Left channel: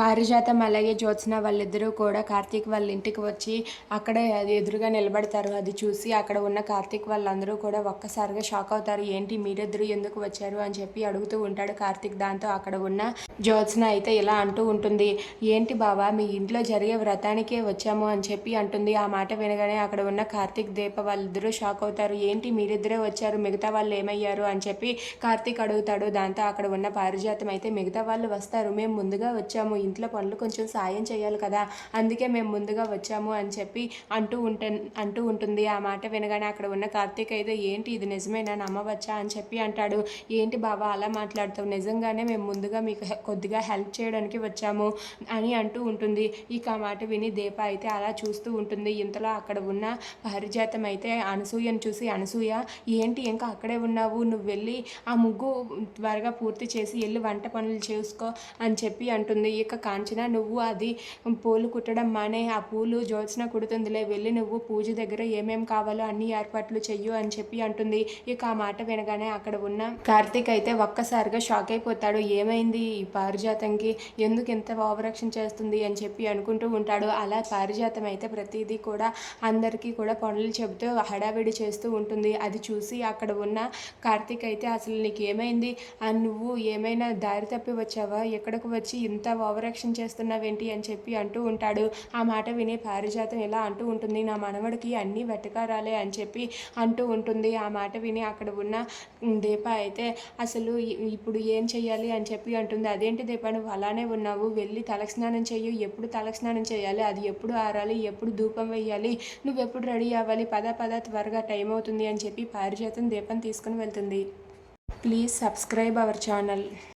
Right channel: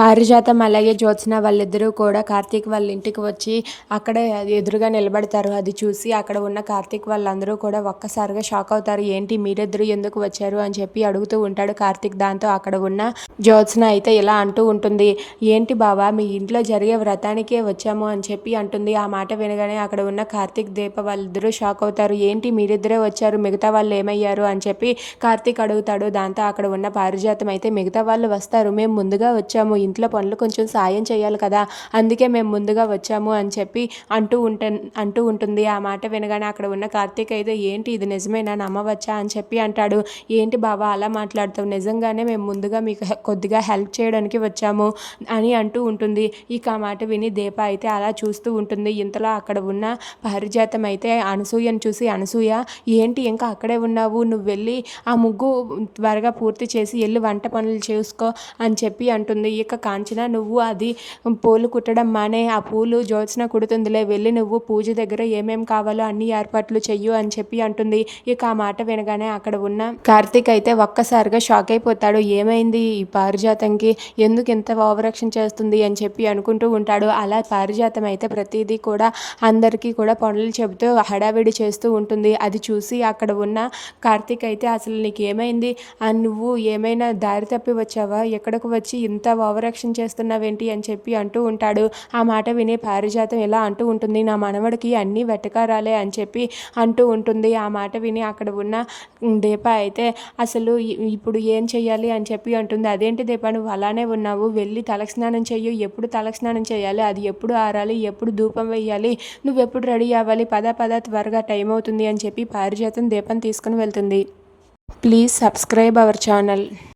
పారిజాతం అలాగే జ్యోత్స్న వాళ్ళిద్దరూ కూడా కార్తీక్ వాళ్ళ ఇంటికి వచ్చి అక్కడ ఎదురుగా నిలబడతారు. అది చూసి అక్కడ ఉన్న కార్తీక్ వాళ్ళందరూ కూడా ఒక్కసారిగా షాక్ అవుతారు. ఏంటి మీరిద్దరు ఎందుకు వచ్చారు? అని చెప్పి అడుగుతూ ఉంటాడు కార్తీక్. దాంతో అక్కడ ఉన్న జ్యోత్స్న అయితే ఇలా అంటూ ఉంటుంది. ఏంటి బావా మీ ఇంట్లో జరిగే వ్రతానికే వచ్చాము అని చెప్పి అంటుంది. ఆ మాట వినగానే అక్కడ ఉన్న కార్తీక్ దీప వాళ్ళిద్దరూ షాక్ అవుతారు. ఏంటి మీరిద్దరే వచ్చారు? మిగతా వాళ్ళు ఏమయ్యారు? అని చెప్పి కార్తీక్ అడుగుతాడు. దాంతో అక్కడ ఉన్న పారిజాతం అయితే మిగతా వాళ్ళు వస్తారు. మేము ముందుగా వచ్చాము. ఇంట్లో పనులు కొంచెం సాయం చేయాలి కదా అందుకే మేము ముందుగా వచ్చాము అని చెప్పి అంటూ ఉంట అంటూ ఉంటుంది. ఆ మాట వినగానే అక్కడ ఉన్న కార్తీక్ అయితే ఏంటి ఇది నిజమేనా? నమ్మవచ్చా? అని చెప్పి అంటాడు. ఏంటి బాబా అలా మాట్లాడుతావు? నిజంగానే మేము ముందుగా మీకు కొద్దిగా హెల్ప్ చేయడానికి వచ్చాము అని అంటూ ఉంటుంది. ఇక ఆ మాట విని దీప అయితే అలా చూస్తూ ఉంటుంది. ఇంతలో అక్కడ ఉన్న పారిజాతం అయితే అనసూయను చూసి అనసూయ ఏంటి ఇంకా అక్కడే ఉన్నావు? నువ్వు వెళ్ళి ఆ ముగ్గు త్వరగా పూర్తి చేసి వెళ్ళి వంట పనులు చేసుకో అని చెప్పి అంటుంది. ఇక కాంచన నువ్వు అది పూలు కుట్టడం మానే ఆ పూలు జ్యోత్స్న కుడుతుందిలే వెళ్ళి నువ్వు పూజ దగ్గర ఏమేం కావాలో అన్ని ఏర్పాట్లు చెయ్యు అని చెప్పి అంటుంది. ఇక ఆ మాట వినగానే అక్కడ ఉన్న కార్తీక్ అయితే ఒక్కసారిగా షాక్ అయిపోతాడు. ఏమైంది ఈ పారిజాతంకి? ఎందుకు ఇంత ఓవరాక్షన్ చేస్తుంది అని చెప్పి అనుకుంటూ ఉంటాడు. అలా పారిజాతం అయితే ప్రతిదీ కూడా అందరికీ కూడా పనులు చెబుతూ హడావిడి చేస్తూ ఉంటుంది. అది చూసి అక్కడ ఉన్న కార్తీక్ అయితే అసలు నీకు ఏమైంది ఆ, నువ్వు ఏమైనా దారి తప్పి వచ్చావా? ఎక్కడికి వచ్చి ఇంత ఓవరాక్షన్ చేస్తున్నావేంటి అని చెప్పి అంటూ ఉంటాడు. ఆ మాట విని పారిజాతం ఇలా అంటూ ఉంటుంది. నా మనవడికి అన్నీ వెటకారాలే అని చెప్పి అంటూ ఉంటుంది. ఆ మాట విని అక్కడ ఉన్న దీప అయితే అసలు ఇప్పుడు ఏం చేయాలి అని చెప్పి అంటుంది. అదేంటి దీప నువ్వు అలానే ఉన్నావు. వెళ్ళి తలస్నానం చెయ్యి. ఎప్పుడు తలస్నానం చేయాలి అది ఎప్పుడు ఆరాలి? ఎప్పుడు ధూపం వేయాలి నువ్వు ఎప్పుడు రెడీ అవ్వాలి? పద పద త్వరగా టైం అవుతుంది అని చెప్పి పారిజాతం దీపం తీసుకుని వెళ్తుంది. Please subscribe our channel.